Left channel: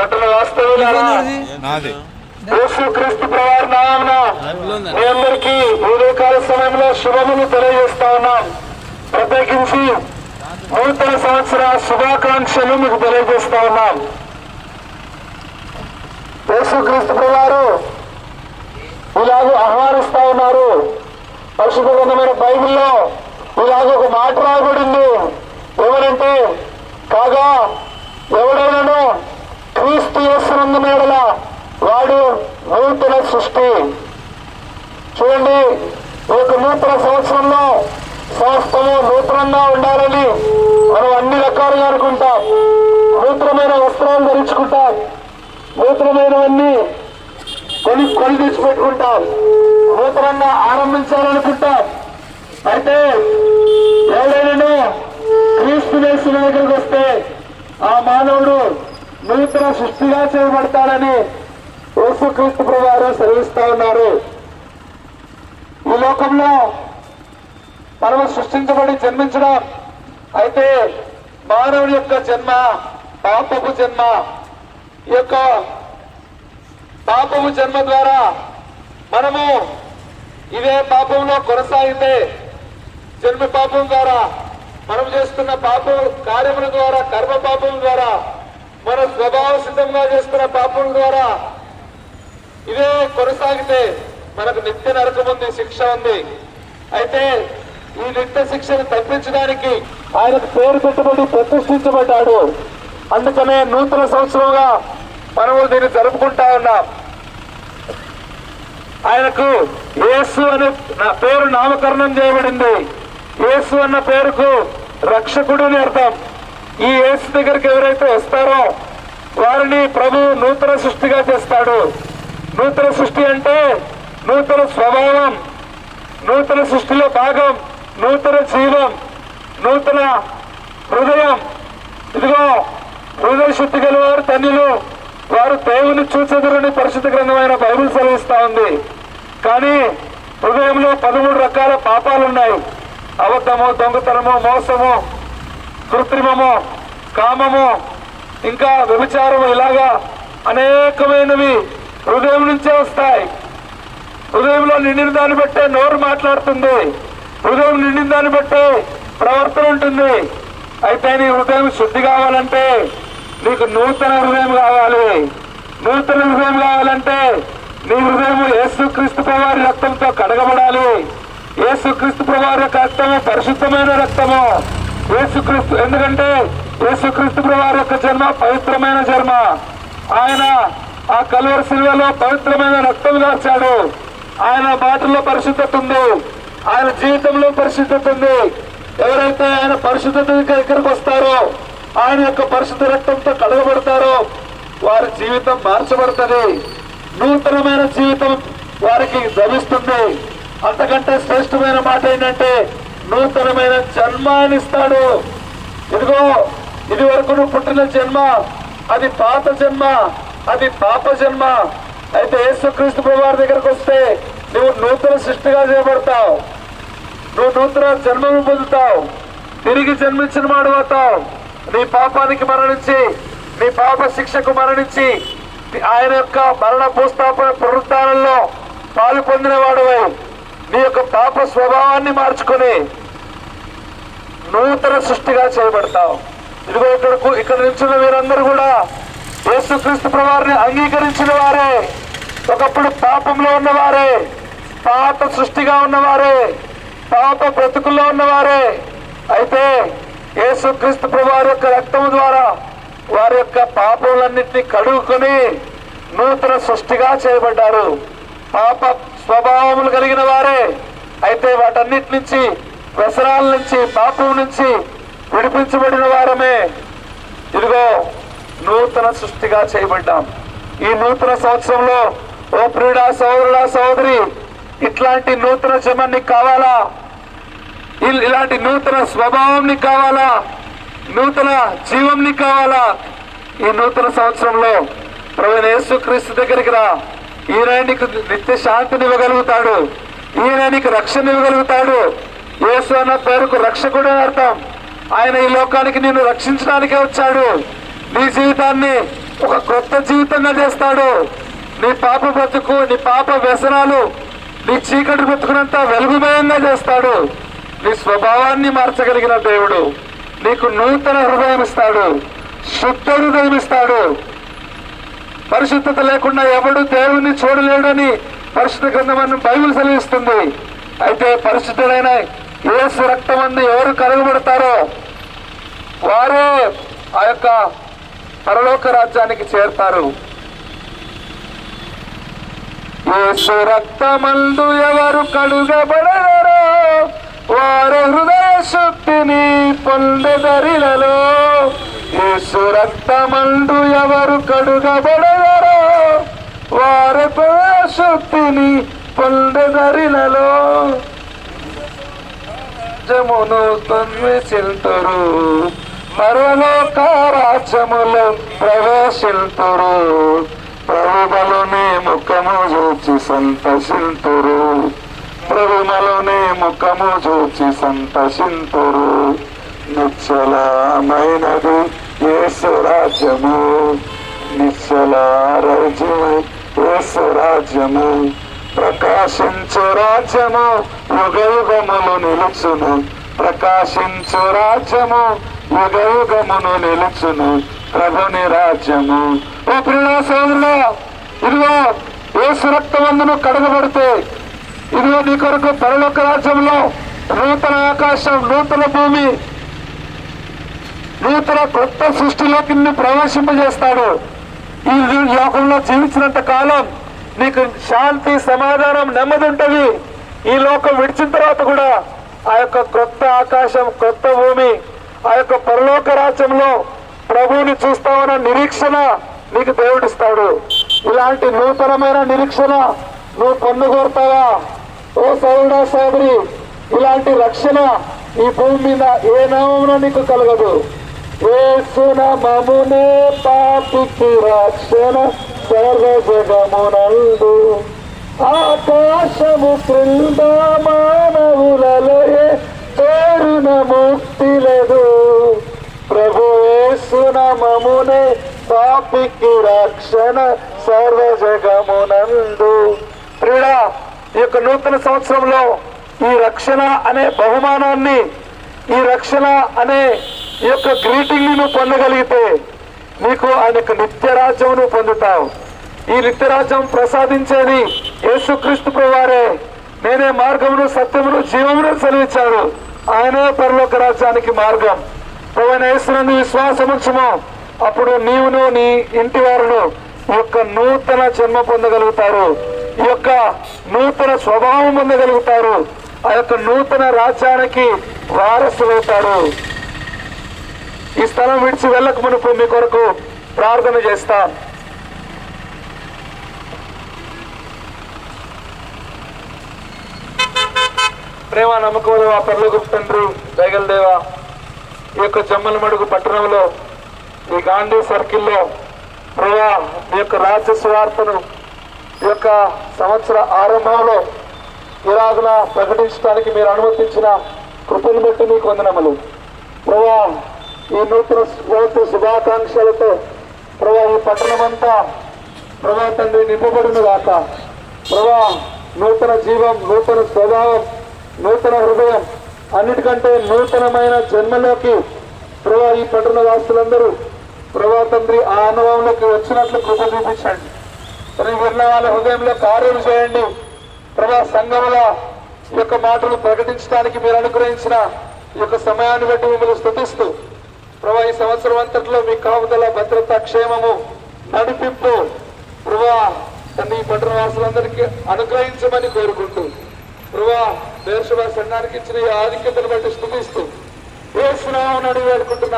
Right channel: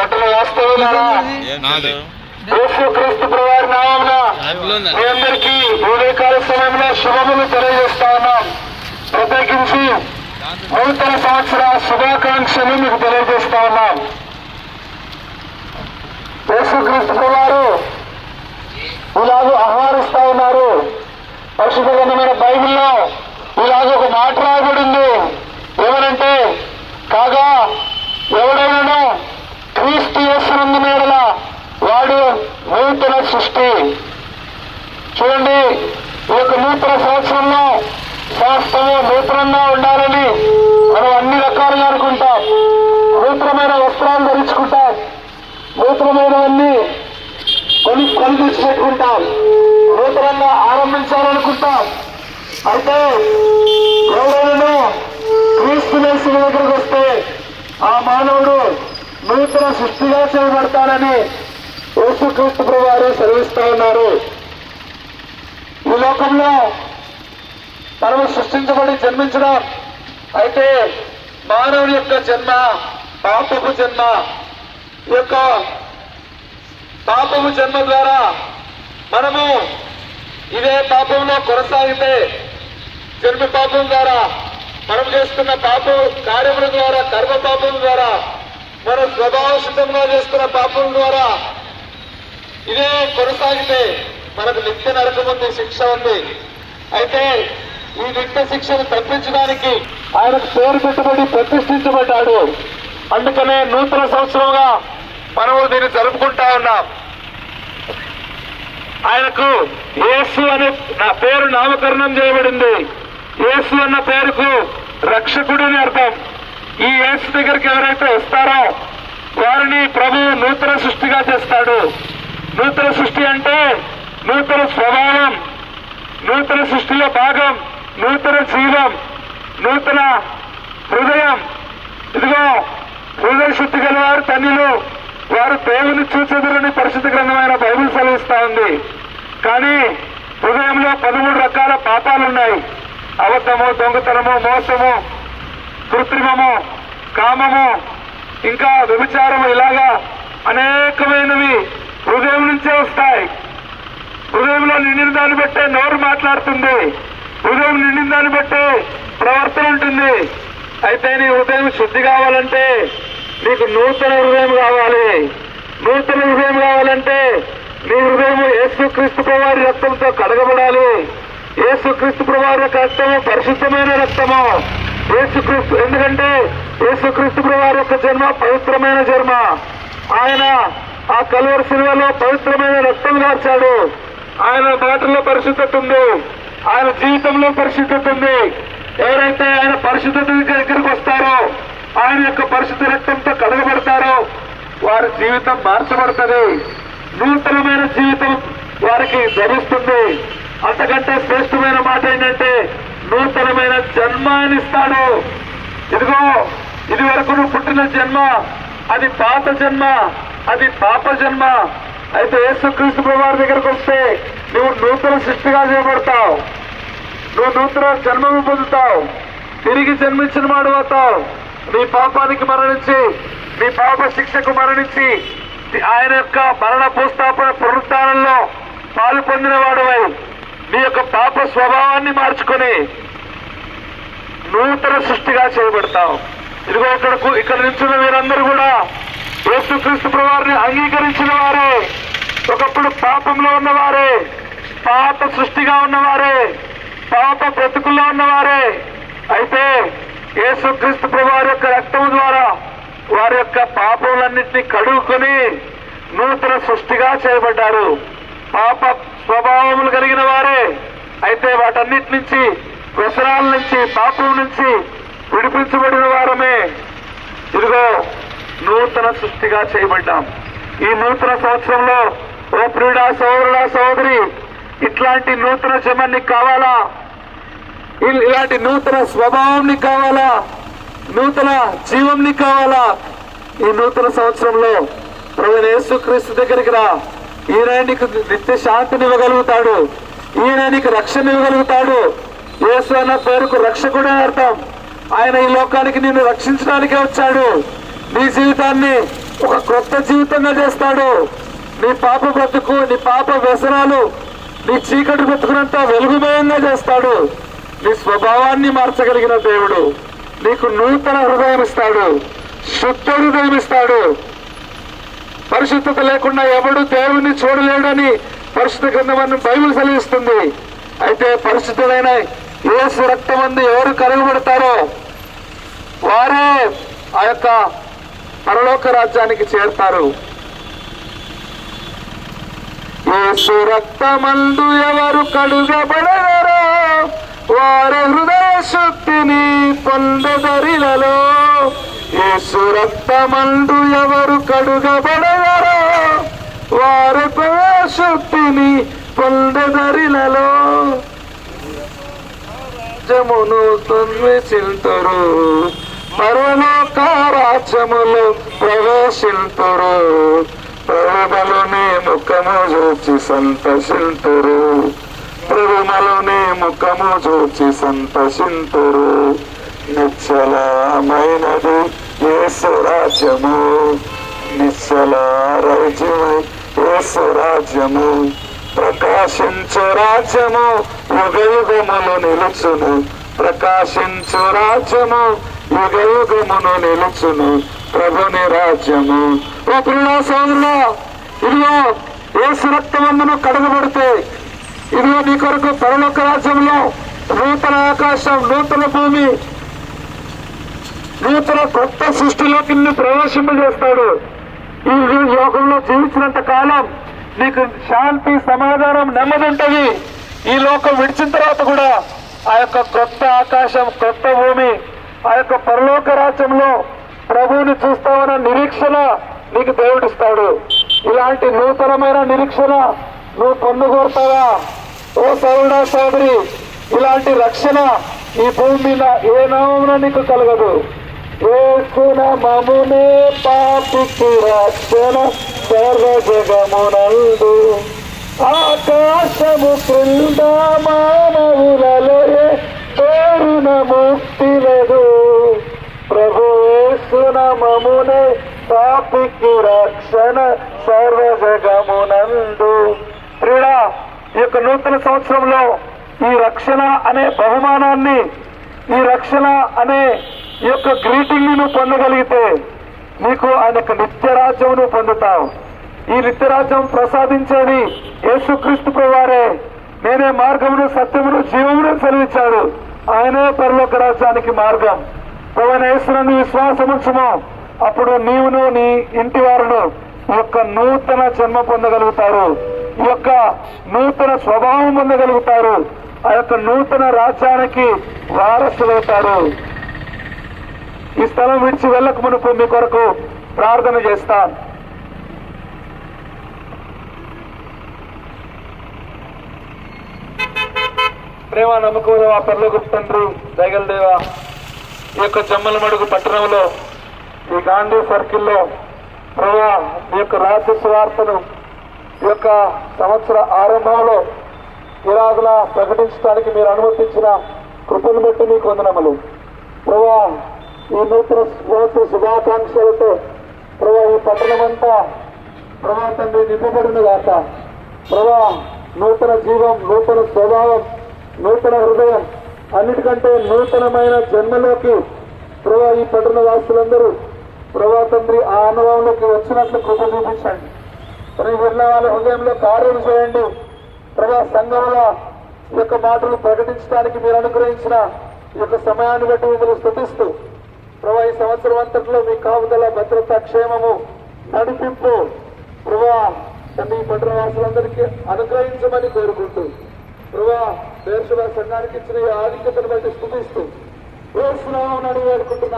పట్టణ వాస్తవ్యులారా యేసుక్రీస్తు ప్రభువారి నామమున మీ అందరికీ ఉదయకాల సమయంలో శుభములు తెలియజేస్తా ఉన్నాం. ప్రత్యేకించి నూతన సంవత్సర శుభాకాంక్షలు మీకు తెలియజేస్తా ఉన్నాం. యేసుక్రీస్తు ప్రభువారు ఇలాగూ ఆహ్వానిస్తా ఉన్నారు. పరిశుద్ధ గ్రంథమైన బైబిల్లో ఇలాగ ఒక మాట రాబడింది. ఏమనంటే, కాగా ఎవడైనా క్రీస్తు యేసునందు ఎడల వాడు నూతన సృష్టి. చూడండి, ఈ యొక్క నూతన సంవత్సరంలో సమస్తము నూతనంగా ఉండాలని మనం అన్ని రకాలుగా అనుకుంటాం. నూతనమైన వస్త్రాలు ధరించుకుంటాం, నూతనమైనవన్నీ కొని తెచ్చిపెట్టుకుంటాం, నూతనంగా ఆరంభించాలనుకుంటాం. అయితే ఎవరైనా క్రీస్తు యేసు దగ్గరికి వస్తే ఆ మానవుడు నూతన సృష్టిగా చేయబడతాడని యేసుక్రీస్తు ప్రభువారు సెలవిస్తా ఉన్నారు. ఈ లోకంలో మనము సృష్టించబడి జన్మించడం, అయితే మానవుని యొక్క జన్మ పాపపు జన్మ. ఈ యొక్క పాపము జన్మ ద్వారా మనము ఇదే పాపంలో కొనసాగితే, జన్మ పాపం ద్వారా మనం చేస్తున్న పాప కార్యముల ద్వారా, కర్మ పాపం ద్వారా, మన స్వభావ సిద్ధంగా చేస్తున్న పాపం ద్వారా ఇదే కొనసాగితే మనకు నిత్య నరకం ఉంది, శిక్ష ఉంది. అయితే ఈ నిత్య శిక్షను తప్పించడానికి ఆయనకు పేరు పెట్టబడి ప్రతిష్ఠించబడ్డాడు. అందుకనే నూతన సంవత్సరంగా మనము దీన్ని జరుపుకుంటా ఉన్నాం. ఆయనకు యేసు అనే పేరు నామకరణం చేయబడింది. యేసు అన్న పేరుకు రక్షకుడు అని అర్థం. ఈ యేసు దగ్గరికి ఎవరైతే వస్తారో వారిని ప్రభు నూతన సృష్టిగా చేస్తాడు. నూతన సృష్టి అంటే నూతన స్వభావం, నూతన సృష్టిలో భాగం, నూతన జీవం, నూతన హృదయం. ఇదిగో హృదయ శుద్ధి గలవారు ధన్యులు, వారు దేవుని చూచెదరని పరిశుద్ధ గ్రంథమైన బైబిల్ సెలవిస్తా ఉంది. కానీ హృదయంలో 13 రకాల పాపాలున్నాయి. అబద్ధము, దొంగతనము, మోసము, కృత్రిమము, కామము, ఇంకా వ్యభిచారము, ఇలాగా అనేకమైనవి హృదయం నుంచే వస్తాయి. హృదయంలో నిండిన దాన్ని బట్టే నోరు మాట్లాడుతుంది, హృదయం నిండిన దాన్ని బట్టే ప్రవర్తన ఉంటుంది. అయితే నీ హృదయం శుద్ధి కావాలంటే నీకు నూతన హృదయం కావాలి. నూతన హృదయం కావాలంటే నీ హృదయం యేసుక్రీస్తు ప్రభువారి రక్తంతో కడగబడాలి. యేసుక్రీస్తు ప్రభువారి యొక్క రక్తము పరిశుద్ధమైన రక్తము. యేసుక్రీస్తు, ఎందుకంటే యేసుక్రీస్తు ప్రభువారి యొక్క జన్మ పవిత్రమైన జన్మ. ఆయన ఆ కల్వరి శిలువలో పవిత్రమైన రక్తం దాచాడు. ఆయన మాటల్లో పరిశుద్ధత ఉంది, ఆయన జీవితంలో పరిశుద్ధత ఉంది. ఎవరైతే ఆయన పరిశుద్ధత దగ్గరికి వస్తారో, ఆయన యొక్క పరిశుద్ధ రక్తంతో కడగబడతారో వారి జీవితం మార్చబడుతుంది. నూతనమైన జీవితం వారికి లభిస్తుంది. అంతకంటే శ్రేష్టమైన మాట ఏంటంటే నూతనమైన జన్మాన్ని ఇస్తాడు. ఇదిగో, ఇది వరకు నువ్వు పుట్టిన జన్మ అది పాత జన్మ, అది పాప జన్మ. అయితే యేసుక్రీస్తు ప్రభువారి దగ్గరకు వస్తే నువ్వు నూతన సృష్టిగా చేయబడతావు, నువ్వు నూతన జన్మను పొందుతావు, తిరిగి జన్మించిన వాడు అవుతావు. నీ పాపానికి మరణించి, నీ పాప శిక్షకు మరణించి, ఆయన యొక్క మరణ భూస్థాపన పునరుద్ధానంలో పాలు పొందిన వాడువై నీ యొక్క పాప స్వభావాన్ని మార్చుకొని నూతన సృష్టిగా చేయబడతావు. ఇదిగో ఇక్కడ నిల్చున్న వీరందరూ కూడా యేసుక్రీస్తు ప్రభువారిని అంగీకరించిన వారే, ఒకప్పుడు పాపంలో ఉన్నవారే, పాప సృష్టిగా ఉన్నవారే, పాప బ్రతుకుల్లో ఉన్నవారే. అయితే యేసుక్రీస్తు ప్రభువారి యొక్క రక్తం ద్వారా వారి యొక్క పాపములన్నింటినీ కడుగుకొని నూతన సృష్టిగా చేయబడ్డారు. పాప స్వభావములు కలిగిన వారే. అయితే వాటన్నిటి నుంచి, వ్యసనాల నుంచి, పాపం నుంచి విడిపించబడిన వారమే. ఇదిగో నూతన సృష్టిగా చేయబడ్డాం. ఈ నూతన సంవత్సరంలో ఓ ప్రియుడా, సోదరుడా, సోదరి, ఇట్లాంటి నూతన జన్మ నీకు కావాలా? ఇలాంటి నూతన స్వభావం నీకు కావాలా? నూతన జీవం నీకు కావాలా? ఈ నూతన సంవత్సరంలో ప్రభువైన యేసుక్రీస్తు దగ్గరికి రా. ఈయన నీకు నిత్య శాంతిని ఇవ్వగలుగుతాడు, ఈయన నీకు రక్షణ ఇవ్వగలుగుతాడు. యేసు అన్న పేరుకు రక్షకుడే అర్థం. ఆయన ఈ లోకానికి నిన్ను రక్షించడానికే వచ్చాడు. నీ జీవితాన్ని ఒక కొత్త జీవితంగా చేస్తాడు. నీ పాప బ్రతుకు, నీ పాప వ్యసనాలు, నీ చీకటి బ్రతుకునంతా వెలుగుమయంగా చేస్తాడు. నీ స్వభావాన్ని మార్చగలిగిన దేవుడు నీకు నూతన హృదయం ఇస్తాడు, శుద్ధ హృదయం ఇస్తాడు. పరిశుద్ధత లేకుండా ఎవడు దేవుణ్ణి చూడలేడని పరిశుద్ధ గ్రంథం బైబిల్ సెలవిస్తుంది. అయితే పరిశుద్ధుడైన యేసు రక్తమందు ఎవరు కనుగొడతారో వారే ఆ యొక్క పరలోక రాజ్యానికి చేరుతారు. యేసు రక్తమందు ఎవరు కడుగబడతారో వారి హృదయ శక్తిని పొందబడిలలో. యేసు రక్తమందు ఎవరు కడుగబడతారో వారి హృదయ శక్తిని పొందబడిలలో. రాజ్యమును తొమ్మిదింతురు, పరలోక రాజ్యములో ప్రవేశింతురు. ప్రభువులోనే ముఖము చూచి సంతోషింతురు, ప్రభువులోనే ముఖము చూచి సంతోషింతురు. నిశ్చలమైనది యేసు రాజ్యము, నిశ్చల రాజ్యము యేసు రాజ్యము. ప్రకాశించు రాజ్యము యుగయుగములు నిలుచును, ప్రకాశించు రాజ్యము యుగయుగమును నిలుచును ప్రభుని రాజ్యము. ఓ ప్రియ సోదరులా, ఇదిగో యేసు రక్తమందును కడగబడితే ఇదిగో నీ కొరకు పరలోక రాజ్యంలో నూతన ఆకాశం, నూతన భూమి, నూతన కొత్త సృష్టిలోకి నిన్ను ప్రవేశింపజేస్తాడు. ఈ లోకంలో జీవించినంత కాలం నీకు శాంతి, సమాధానం, నెమ్మది ఉంటుంది. ఈ లోకం విడిచిన తర్వాత కూడా ఆ యొక్క కొత్త ఆకాశం, కొత్త భూమి, ఆ యొక్క పరలోక రాజ్యంలో ప్రభువుని చూస్తామన్న నిరీక్షణ నీకు దేవుడిస్తాడు. ఇలాంటి నూతనమైన నిరీక్షణ నువ్వు పొందగోరుతావా? ఓ సోదరుడా, సోదరి, ఇలాంటి రక్షణ ఈ భూమి మీద ఏ నామమున నీకు కలగదు. యేసు నామమునే పాపికి రక్షణ సర్వజగమునందు. ఆకాశము క్రింద మానవులలో పేరున ముక్తి లేదు. ప్రభు యేసు నామమునే పాపికి రక్షణ సర్వజగమునందు. ప్రియుడా, ఈ యొక్క నూతన సంవత్సరంలో ఈ రక్షణ అనే బహుమానాన్ని, ఈ రక్షణ అనే ఈ యొక్క గ్రీటింగ్ ను పొందగలిగితే నీకు ఆయన యొక్క నిత్యరాజ్యం నువ్వు పొందుతావు. ఈ నిత్యరాజ్యం ప్రసాదించేది యేసుక్రీస్తు ప్రభువారే. నేనే మార్గమును, సత్యమును, జీవమును సెలవిచ్చాడు. ఆయనే పరలోక రాజ్యానికి మార్గం. ప్రభువైన యేసునందు విశ్వాసముంచుము, అప్పుడు నీవును నీ ఇంటి వారును ఈ యొక్క నూతన జన్మ పొందగలుగుతారు, ఈ యొక్క నూతన స్వభావం పొందగలుగుతారు, ఆ యొక్క నూతన రాజ్యానికి వారసులవుతారు. ఈ స్థలం విడిచి వెళ్ళక మునుపు మీ కొరకు ప్రార్థన చేస్తాం. ప్రేమ నమ్మకం ఆ పరలోకపు తండ్రి, దయగల దేవా, ఈ యొక్క జమ్మలమడుగు పట్టణంలో, ఈ గాంధీ సర్కిల్లో ప్రభా ఈ యొక్క రాజ్య సువార్తను ఈ యొక్క సంవత్సర ఆరంభంలో ఇలాగులా ప్రకటించడానికి మీరు అనుమతించిన కృపను బట్టి మీకు వందనములు. ప్రభా ఈ నూతన శుభాకాంక్షలతో ప్రభా ఈ పట్టణమంతా ప్రభా తండ్రి నింపబడిన గాక. ప్రభా నూతన జీవం, నూతన స్వభావం, నూతన హృదయం, అన్నిటికంటే నూతనమైన జన్మలోకి ప్రభా ఈ పట్టణ వాసులందరూ ప్రభా తండ్రి ఆ అనుభవంలోకి వచ్చినట్లు కృప చూపించండి. వెళ్ళిన వాళ్ళ హృదయంలో కార్యం చేయండి. ప్రభా సంఘముల ఈ యొక్క మాటలు ప్రకటించడానికి మీరు అనుగ్రహించిన ఈ యొక్క సమయాన్ని బట్టి మిమ్మల్ని స్తుతిస్తూ ప్రభా ఈ సంవత్సరం అంతట్లో మీ కాపుదల, భద్రత, క్షేమము, నడిపింపు ప్రభా తండ్రి ఈ పట్టణ వాసులందరికీ అనుగ్రహించమని కోరుకుంటూ ప్రభా దేశ సంఘానికి ఇచ్చిన ఈ ఆధిక్యతను బట్టి స్తుతిస్తూ యేసు నామమున అడిగి వేడుకుంటున్నాను.